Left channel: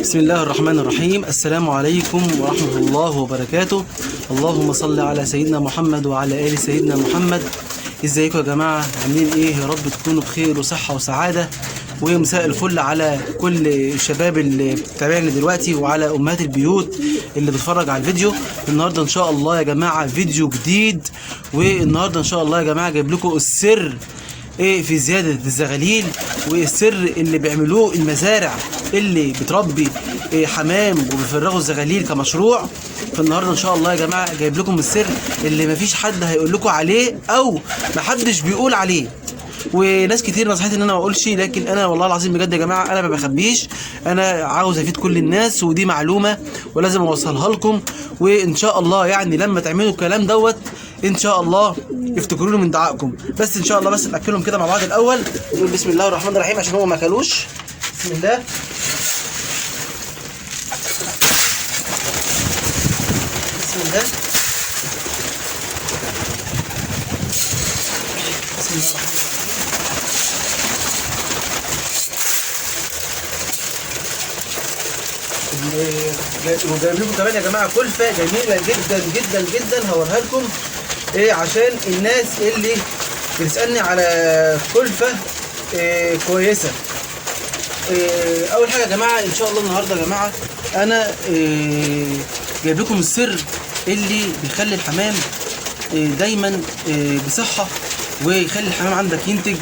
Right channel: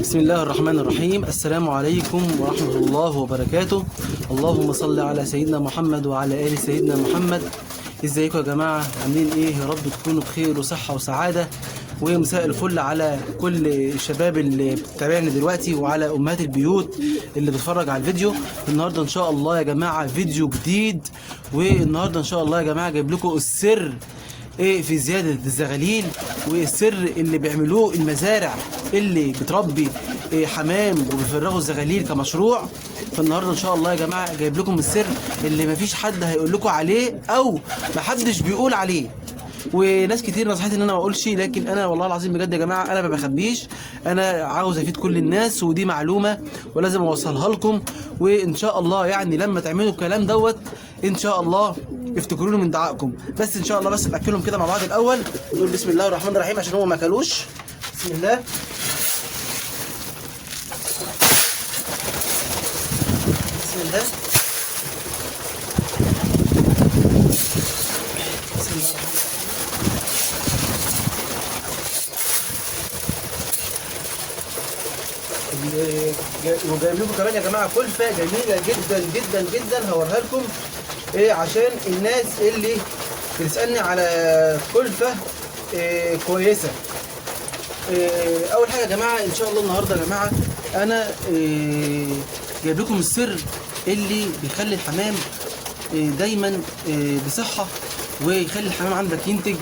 بسم الله الرحمن الرحيم. السلام عليكم ورحمة الله وبركاته. اللهم صل على سيدنا محمد وعلى آل سيدنا محمد. ازيكم يا جماعة؟ عاملين ايه؟ يا رب تكونوا بخير وصحة وسعادة، ومساء الفل على كل الشباب اللي بتتابعني دلوقتي وعلى امهات البيوت اللي بتتفرج على الفيديو. النهارده ان شاء الله يا جماعة فيديو جديد، والنهارده ان شاء الله يا جماعة جايب لكم السر ايه في زيادة الزغاليل، والسر اللي بيعملوه المزارع اللي بتربي حمام وبيفرغوا الزغاليل كمشروع. فالنهارده ان شاء الله يا جماعه جايب لكم السر اللي مفيش حد هيقول لكم عليه او محدش بيقول عليه. وناس كتير نصحتني ان انا ما اقولش، لكن انا والله العظيم بجد يا جماعه انا ما بخبيش، انا عاوز افيد كل الناس، ودي معلومه ولازم اوصلها لكم. وان شاء الله يعني لما تعملوا الكلام دوت ان شاء الله افتكروني من دعائكم. بس ان شاء الله بس ناكلهم كده مع بعض الاول، نقول بسم الله الرحمن الرحيم عشان هم ما اكلوش. بسم الله. بسم الله. بسم الله. وجايب لكم كمان يا جماعه كلفه جميله جدا جدا جدا هوريها لكم ايه عشان الناس اللي بتسالني على كلفه كويسه. اول حاجه يا جماعه ان شاء الله النهارده يا جماعه انا جايب لكم السر اللي بيخلي الحمام دايما بصحه، ويخلي الحمام عندك ينتج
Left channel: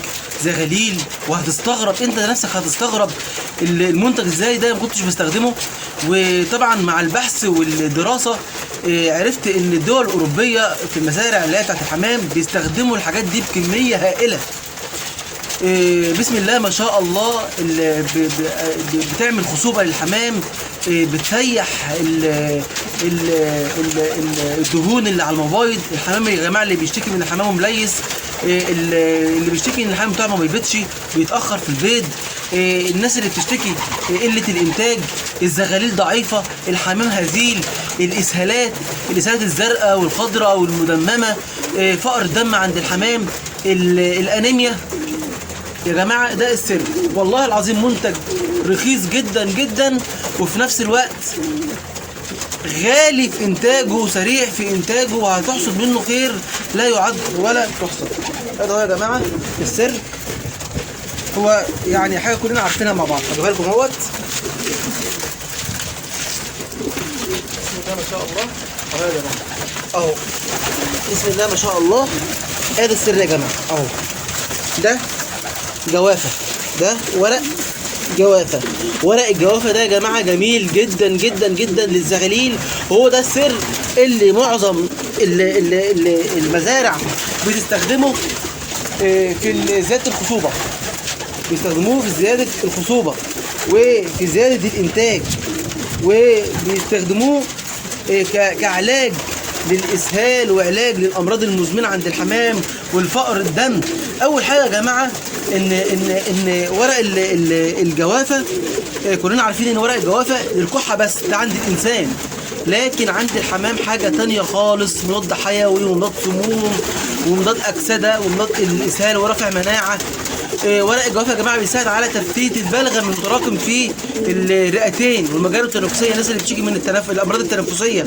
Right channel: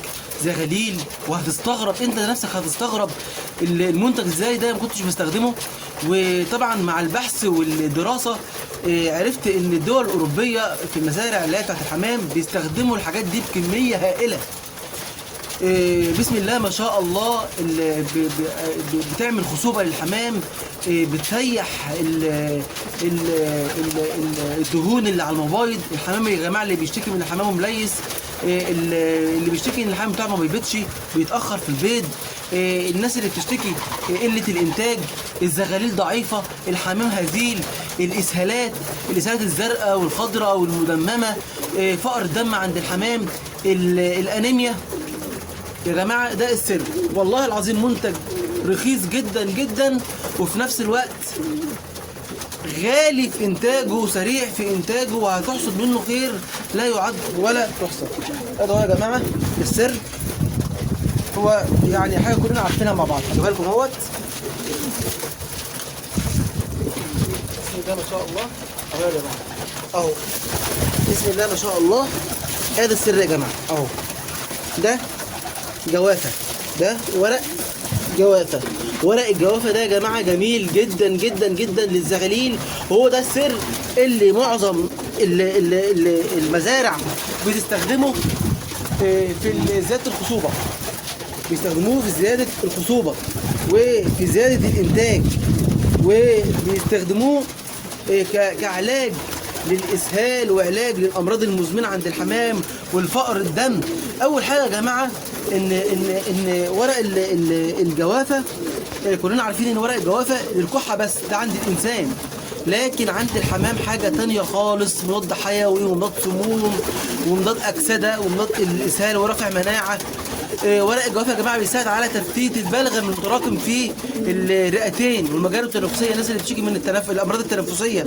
زغاليل. وهتستغرب انت نفسك، هتستغرب المنتج ازاي ده ما كنتش بستخدمه. وطبعا مع البحث والدراسه عرفت ان الدول الاوروبيه في المزارع اللي هي بتاعت الحمام بيستخدموا الحاجات دي بكميه هائله. بسم الله ما شاء الله، بتعمل خصوبه للحمام، بتريح الدهون اللي على المبايض. الحمام يا جماعه اللي بيشتكي من الحمام مليس، اللي بيشتكي ان الحمام بتاعه ما بيبيضش، بيتاخر في البيض، الناس اللي بتشتكي قله الانتاج، الزغاليل ضعيفه، الحمام هزيل، الاسهالات الزرقاء والخضراء والمدممه، فقر الدم عند الحمام، الانيميا. يا جماعه ده السر والله العظيم، منتج رخيص جدا جدا وفي نفس الوقت غالي في انتاجه وسريع في انتاجه، وهتحصد منه خير لا يعد ولا تحصد. هذا هو يا جماعه السر، هو يعني حاجه كلنا عارفينها مع بعض. خلي بالكم اهوت. بسم الله ما شاء الله يا جماعه اهو. بسم الله ما شاء الله. ادي السر يا جماعه اهو. ده جوافه، ده ورق جوافه. ورق الجوافه ده يا جماعه جميل جدا جدا جدا للزغاليل، وهو ده السر اللي معظم المزارع بتستخدمه في زياده الخصوبه. بيستخدموه في زياده الخصوبه وفي زياده الانتاج، وبيستخدموه كعلاج للاسهال وعلاج للامراض المزمنه عند الحمام والفقر الدم. اول حاجه يا جماعه ان ورق الجوافه، كلنا عارفين ان ورق الجوافه للكحه بس، ده عند الانسان، لكن عند الحمام حاجه تانية خالص، مضاد حيوي ومضاد سموم ومضاد اكسده ومضاد الاسهال ورفع مناعه. ورق الجوافه يا جماعه بيساعد على تفتيت البلغم المتراكم في الرئتين والمجاري التنفسيه، الناس اللي بتشتكي من الامراض التنفسيه.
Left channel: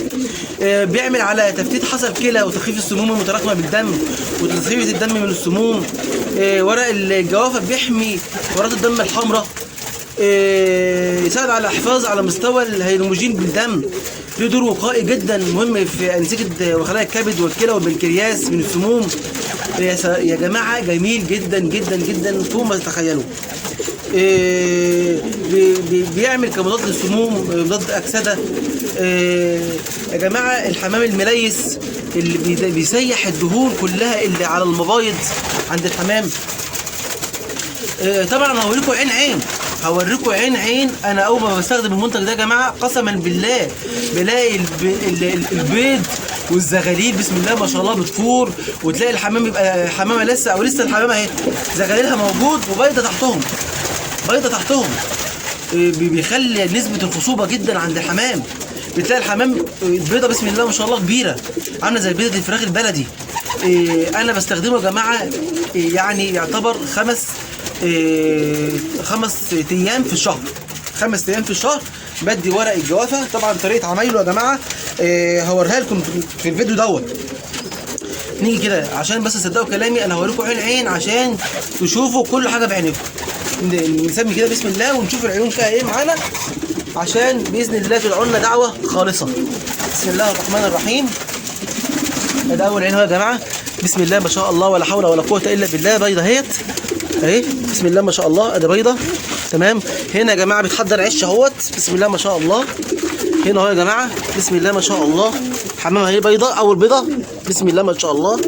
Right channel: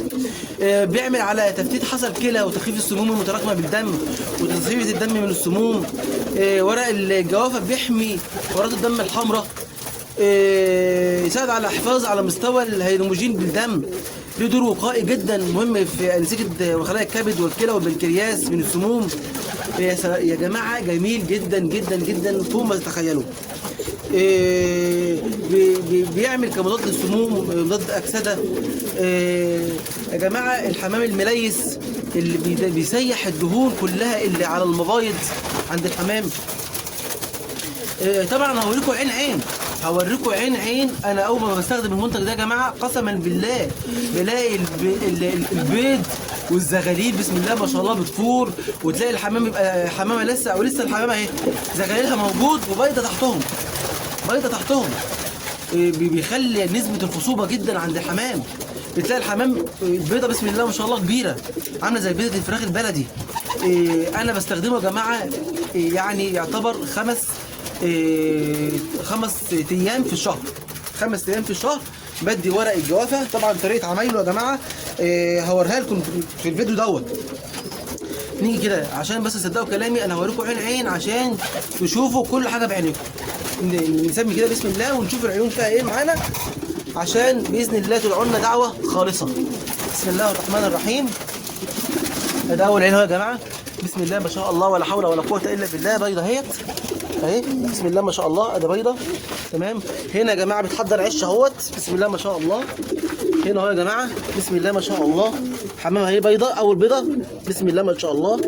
بيعمل على تفتيت حصى الكلى وتخفيف السموم المتراكمه بالدم وتصفيه الدم من السموم. ورق الجوافه بيحمي كرات الدم الحمراء، يساعد على الحفاظ على مستوى الهيموجين بالدم، له دور وقائي جدا مهم في انسجه وخلايا الكبد والكلى والبنكرياس من السموم. يا جماعه جميل جدا جدا جدا فوق ما تتخيلوا. بيعمل كمضاد للسموم، مضاد اكسده. يا جماعه الحمام المليس اللي بيسيح الدهون كلها اللي على المبايض عند الحمام. طبعا هوريكم هوريكم عين. انا اول ما بستخدم المنتج ده يا جماعه قسما بالله بلاقي البيض والزغاليل بسم الله ما شاء الله بتفور، وتلاقي الحمام يبقى حمامه لسه او لسه الحمامه اهي زغاليلها موجود وبيضه تحتهم. بيخلي نسبه الخصوبه جدا عند الحمام. بتلاقي الحمام البيضه بسم الله ما شاء الله كبيره، عامله زي بيضه الفراخ البلدي. انا بستخدمه يا جماعه يعني يعتبر 5 أيام في الشهر. 5 أيام في الشهر بدي ورق الجوافه. طبعا طريقه عمايله يا جماعه هوريها لكم في الفيديو دوت. نيجي كده عشان بس تصدقوا كلامي، انا هوريكم عين عين عشان تشوفوا كل حاجه بعينكم. نسمي كده بسم الله ونشوف العيون فيها ايه معانا، عشان باذن الله تدعوا لنا دعوه خالصه. بسم الله الرحمن الرحيم. ده اول عين اهو يا جماعه. بسم الله ما شاء الله ولا حول ولا قوه الا بالله. بيضه اهيت اهي، بسم الله ما شاء الله. ادي بيضه تمام. هنا يا جماعه بتحضر عش اهوت، بسم الله ما شاء الله. هنا اهو يا جماعه بسم الله ما شاء الله. حمامه اهي بيضه، اول بيضه بسم الله ما شاء الله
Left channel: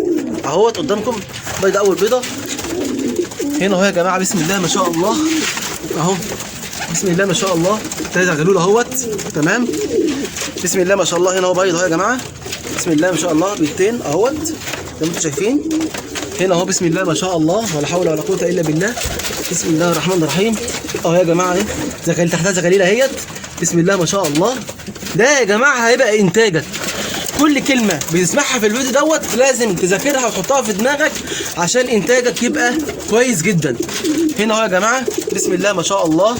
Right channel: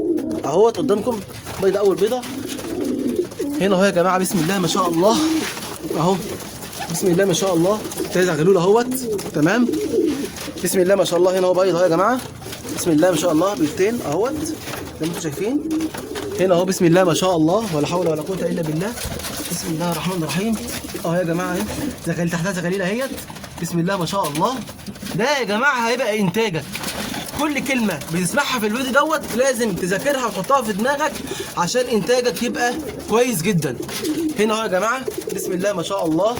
اهوت قدامكم. بيضه اول بيضه. هنا اهو يا جماعه بسم الله ما شاء الله اهو، بسم الله ما شاء الله. تاني زغلول اهوت تمام. بسم الله ما شاء الله. هنا اهو بيضه اهو يا جماعه، بسم الله ما شاء الله. بيضتين اهوت زي ما انتم شايفين. هنا اهو بسم الله ما شاء الله ولا حول ولا قوه الا بالله. بسم الله الرحمن الرحيم اهو يا جماعه اهي. زغاليل تحتها زغاليل اهيت، بسم الله ما شاء الله. ده يا جماعه هيبقى انتاجك. كل كلمه بتسمعها في الفيديو دوت لازم تذاكرها وتحطها في دماغك عشان انتاجك يبقى كويس جدا. هنا اهو يا جماعه بسم الله ما شاء الله.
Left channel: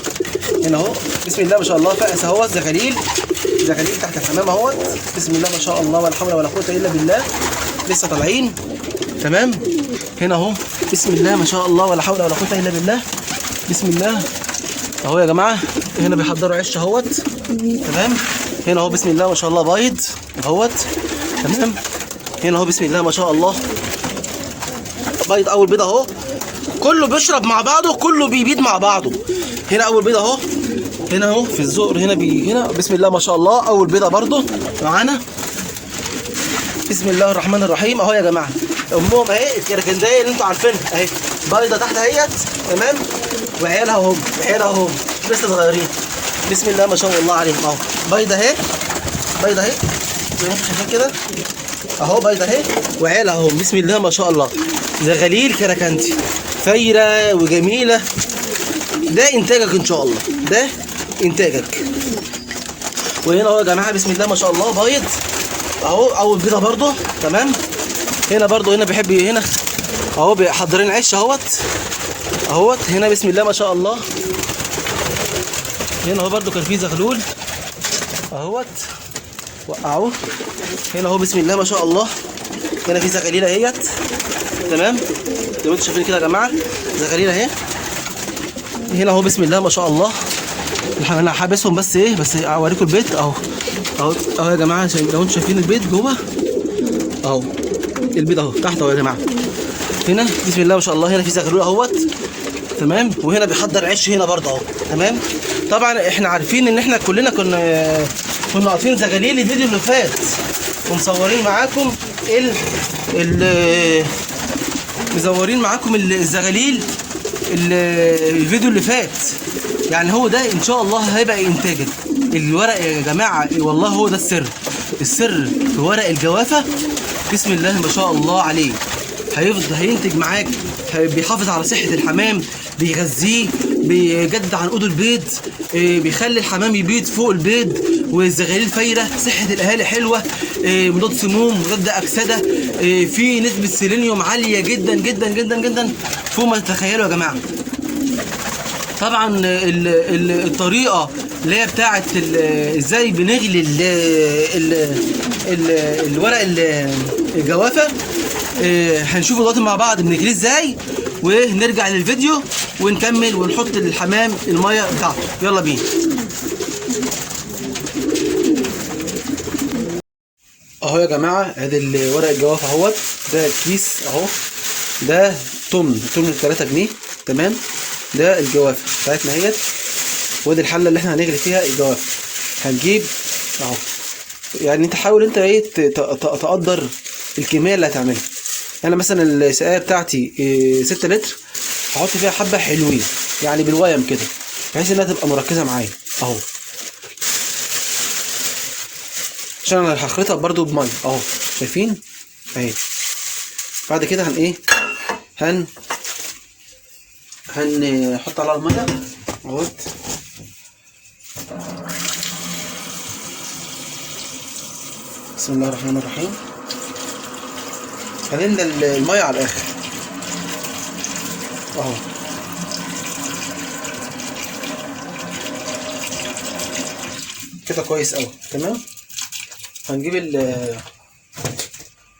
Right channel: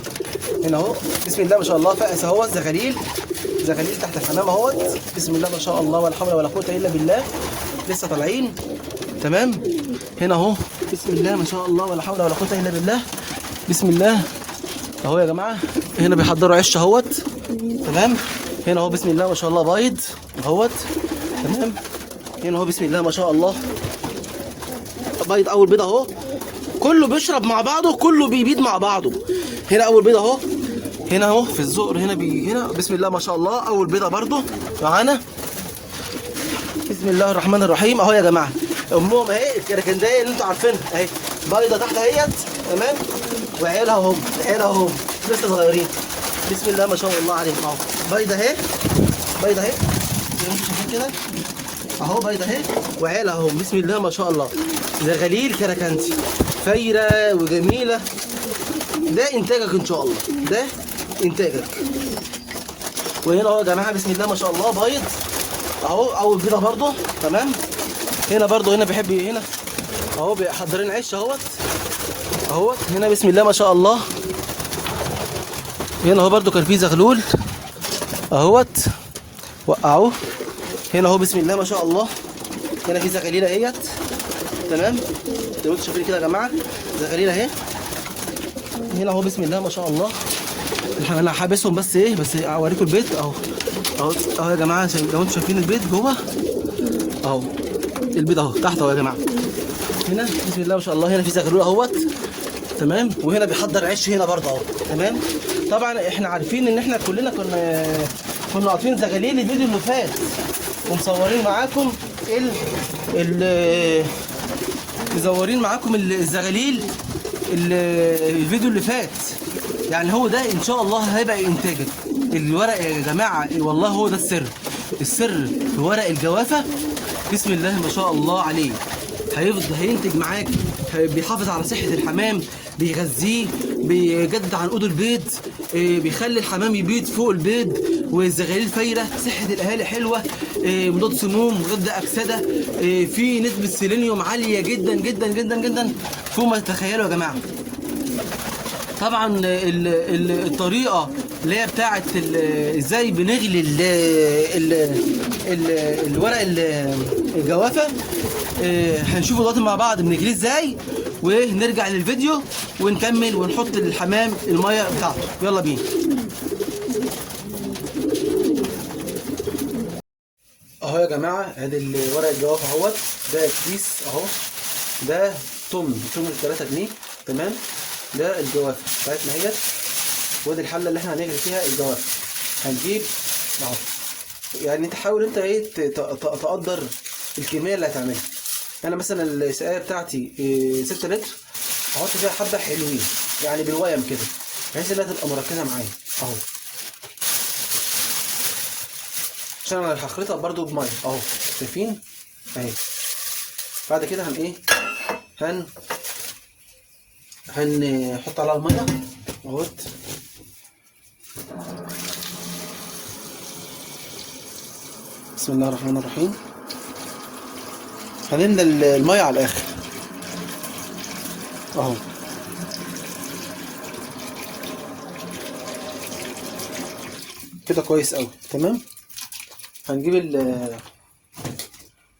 هنا اهو بسم الله ما شاء الله. فأس اهوت زغاليل تحت الحمام اهوت، بسم الله ما شاء الله ولا حول ولا قوه الا بالله. لسه طالعين تمام. هنا اهو بسم الله ما شاء الله ولا حول ولا قوه الا بالله. بسم الله اهو يا جماعه. هنا بيحضروا عش اهوت تمام. هنا اهو بسم الله ما شاء الله بيض اهوت تمام. هنا اهو بسم الله ما شاء الله بيض اول بيض اهو. كله بيشرب مع بعضه، كله بيبيض مع بعضه. هنا اول بيض اهو. هنا اهو في الزقر هنا هنا بسم الله ما شاء الله اول بيضه برضه معانا. بسم الله الرحمن الرحيم اهو يا جماعه. امهم اهي الكركنديه اللي انتوا عارفينها اهي، بيضه تحت اهيت تمام. وعيالها اهم، عيالها اهم لسه صغيرين. بسم الله ما شاء الله عليهم اهو. بيضه اهي، بيضه اهي زي ما انتوا شايفين كده اهو. بيضه اهي وعيالها اهم، بسم الله ما شاء الله. زغاليل كركنتي فايره وجميله. ده انتاجك ان شاء الله، ده انتاجك. وهنا اهو يا جماعه بسم الله ما شاء الله بيض اهو اول بيضه برضه تمام. هنا برضه هنا بيحب هنا اهو حاضرين عش اهوت اهوت. هنا بسم الله ما شاء الله. هنا اهو برضه كان في زغلول اهوت وقعوه. هنا اهو بسم الله ما شاء الله. هنا في زغاليل اهيت تمام زي ما انتم شايفين كده يا جماعه. زغاليل اهي. هنا اهو بسم الله ما شاء الله. انا حابسهم بس ايه، بس اوريكم البيت اهو اهو يا جماعه. لو انتم شايفين البيت جوه اهو، البيت اهو تحت اهو يا جماعه. هنا بسم الله ما شاء الله. هنا في زغلول اهوت تمام. وهنا بيحضر عش هنا برضه اهو تمام. طبعا احنا عارفين ان احنا كلنا كنا قاطفين زغاليل الفيديو اللي فات ومصورين معاكم مزورين معاكم الزغاليل الفيديو اللي فات. يعني هو ده ان شاء الله هيبقى انتاجك. الورق يا جماعه والله هو ده السر. السر في ورق الجوافه بسم الله ما شاء الله عليه. هيفضل هينتج معاك، بيحافظ على صحه الحمام، بيغذيه، بيجدد عنقود البيض، بيخلي الحمام يبيض فوق البيض. والزغاليل فايره، صحه الاهالي حلوه، مضاد سموم، مضاد اكسده، في نسبه سيلينيوم عاليه جدا جدا جدا جدا فوق ما تتخيلوا يا جماعه. طبعا الطريقه اللي هي بتاعت ازاي بنغلي الورق الجوافه هنشوفه دلوقتي مع بعض بنغليه ازاي، ونرجع للفيديو ونكمل ونحط للحمام الميه بتاعته. يلا بينا. اهو يا جماعه ادي ورق الجوافه اهوت. ده الكيس اهو، ده تمن 3 جنيه تمام. ده الجوافه بتاعتنا اهيت. ودي الحله اللي احنا هنغلي فيها الجوافه. هنجيب اهو، يعني انت حاول انت ايه تقدر الكميه اللي هتعملها. انا مثلا السقايه بتاعتي 6 لتر، هحط فيها حبه حلوين يعني بالويم كده بحيث انها تبقى مركزه معايا اهو، عشان انا هخلطها برضو بميه اهو شايفين اهي. بعد كده هنحط عليها الميه اهوت. بسم الله الرحمن الرحيم. هنملى الميه على الاخر اهو. كده كويس قوي. تمام. هنجيب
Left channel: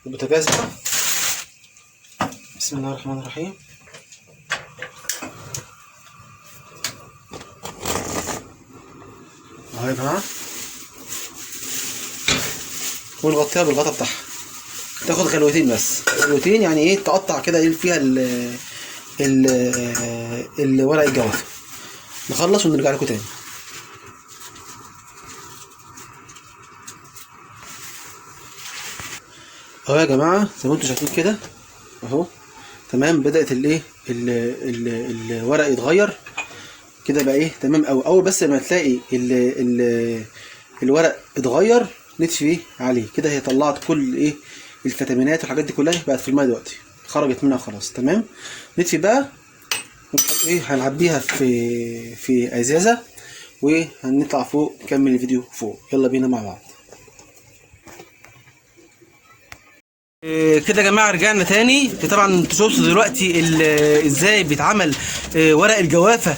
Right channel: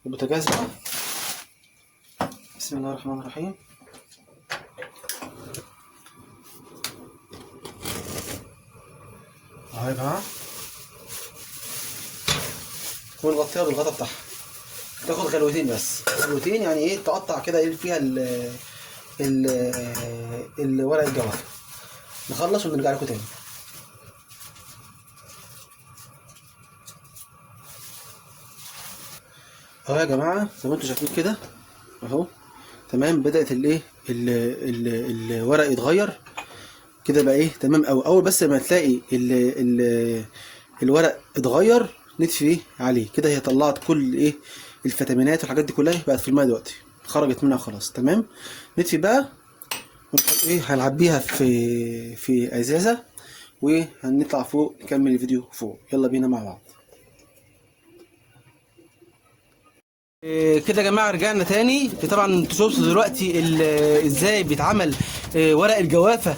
البوتاجاز بقى. بسم الله الرحمن الرحيم. اهو يا جماعه، ونغطيها بالغطا بتاعها. تاخد غلوتين بس، غلوتين يعني ايه، تقطع كده فيها الورق الجوافه. نخلص ونرجع لكم تاني. اهو يا جماعه زي ما انتم شايفين كده اهو. تمام. بدات الايه الورق يتغير كده بقى ايه تمام قوي. اول بس ما تلاقي الورق اتغير نطفي عليه كده. هي طلعت كل ايه الفيتامينات والحاجات دي كلها بقت في الميه دلوقتي، خرجت منها خلاص. تمام. نطفي بقى ايه، هنعبيها في ازازه وهنطلع فوق نكمل الفيديو فوق. يلا بينا مع بعض. كده يا جماعه رجعنا تاني. طبعا انتوا شفتوا دلوقتي ازاي بيتعمل ورق الجوافه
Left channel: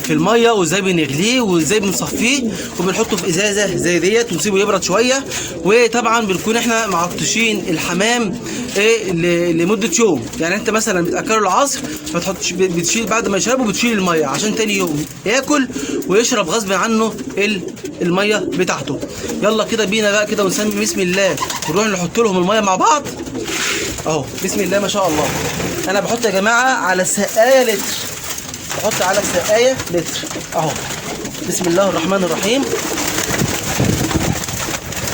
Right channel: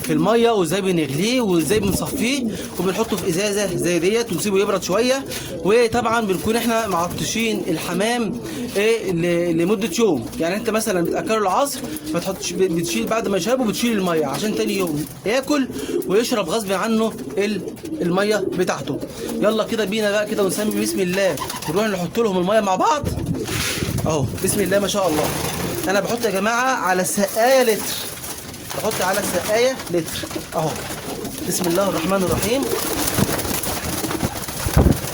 في الميه، وازاي بنغليه وازاي بنصفيه وبنحطه في ازازه زي ديت ونسيبه يبرد شويه. وطبعا بنكون احنا معطشين الحمام لمده يوم. يعني انت مثلا بتاكله العصر ما تحطش، بتشيل بعد ما يشربه بتشيل الميه عشان تاني يوم ياكل ويشرب غصب عنه الميه بتاعته. يلا كده بينا بقى كده ونسمي بسم الله ونروح نحط لهم الميه مع بعض اهو. بسم الله ما شاء الله. انا بحط يا جماعه على سقايه لتر، بحط على سقايه لتر اهو. بسم الله الرحمن الرحيم.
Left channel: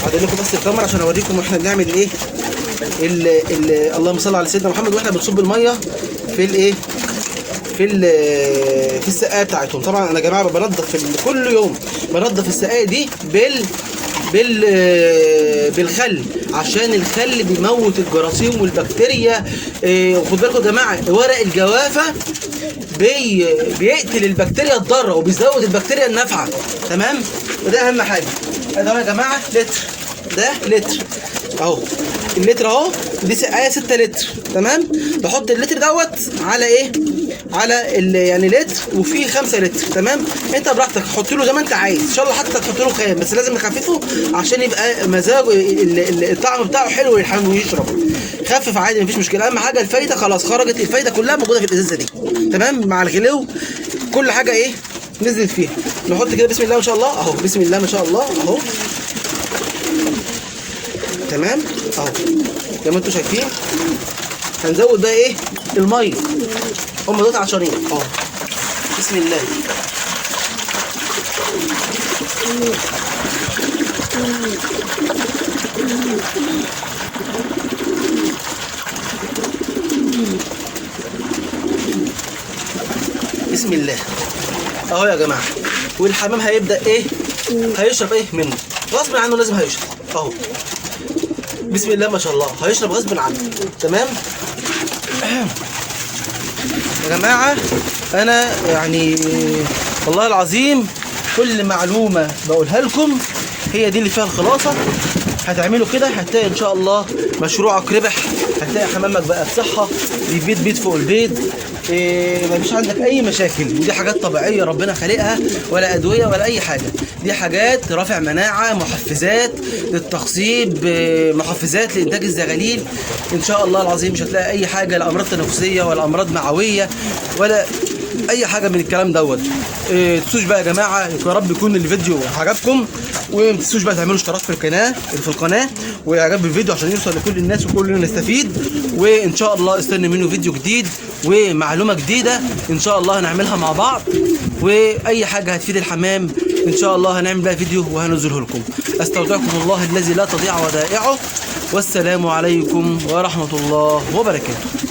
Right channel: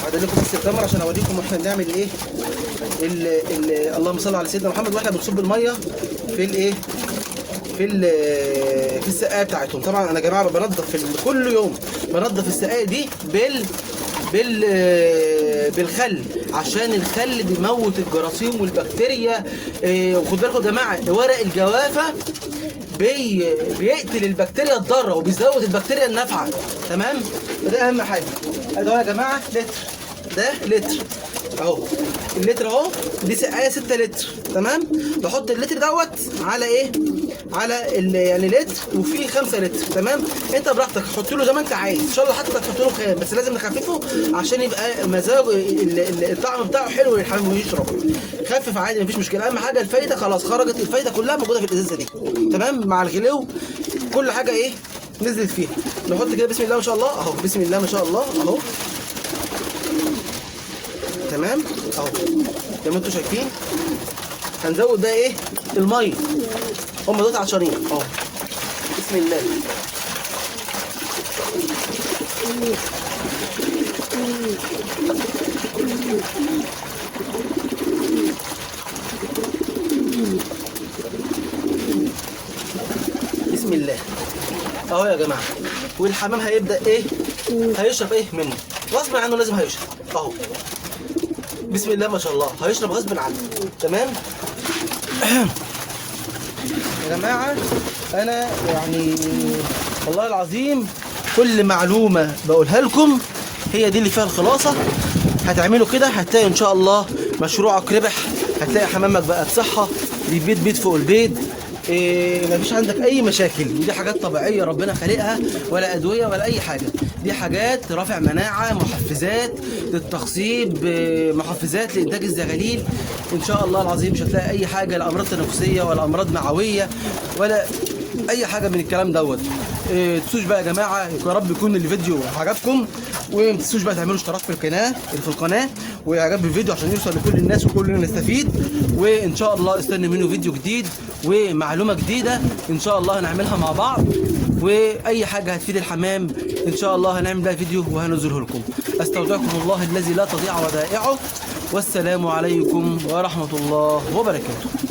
هعدل لكم بس الكاميرا عشان اوريكم احنا بنعمل ايه. اللهم صل على سيدنا محمد. واحنا بنصب الميه في الايه في السقايه بتاعتهم. طبعا انا يا جماعه بنضف كل يوم، بنضف السقايه دي بالخل، عشان الخل بيموت الجراثيم والبكتيريا. وخد بالكم يا جماعه ورق الجوافه بيقتل البكتيريا الضاره وبيزود البكتيريا النافعه. تمام. وده اهم حاجه. ده يا جماعه لتر، ده لتر اهو. اللتر اهو، دي سقايه 6 لتر. تمام. بحط اللتر دوت على ايه، على يعني لتر وفيه 5 لتر. تمام. انت براحتك حط له زي ما انت عايز. ان شاء الله حتى تحط له خام، بس لازم نخففه عشان يبقى مزاجه الطعم بتاعه حلو والحمام ويشرب. خفف عادي مفيش مشكله. اهم حاجه الفايده خلاص خرجت، الفايده كلها موجوده في الازازه دي. تمام. مع الغلو كل حاجه ايه نزلت فيها. نحط كده بسم الله ما شاء الله اهو. بسم الله ما شاء الله اهو. تمام اهو زي ما انتم شايفين. هنزود بقى ايه الميه، هم دول عشرين اهو. بسم الله. بسم الله اهو يا جماعه. والحمام هيبدا ايه، هيشرب ايه منه غصب عنه، لازم هيشرب اهو. بسم الله ما شاء الله. هيشرب غصب عنه. تمام يا جماعه. انا يعني والله العظيم كل معلومه بقولها لكم هي دي اللي فيها الخلاصه. هتعملوا كده هتلاقي ان شاء الله مشروعك ربح. هتلاقي حمامك بقى بصحه، بيبيض بيض فوق البيض. مفيش عندك اي مشاكل. ودي حاجات طبيعيه ربنا خالقها، ولا ادويه ولا اي حاجه. دي حاجات رافع مناعه، محفزات للتخصيب، محفزات لانتاج الزغاليل. ان شاء الله العظيم مش هتلاقي اي حاجه لا امراض تنفسيه ولا امراض معويه ولا اي حاجه من الكلام دوت. تنسوش بقى يا جماعه، يا رب يكون الفيديو عجبكم. وما تنسوش بقى تعملوا اشتراك في القناه واعجاب بالفيديو عشان يوصل لكل الناس وكلنا نستفيد. وان شاء الله استنوا منه فيديو جديد ومعلومه جديده ان شاء الله هنعملها مع بعض. واي حاجه هتفيد الحمام ان شاء الله هنعمل بقى فيديو وهننزله لكم. استودعكم الله الذي لا تضيع ودائعه، والسلام عليكم ورحمه الله وبركاته.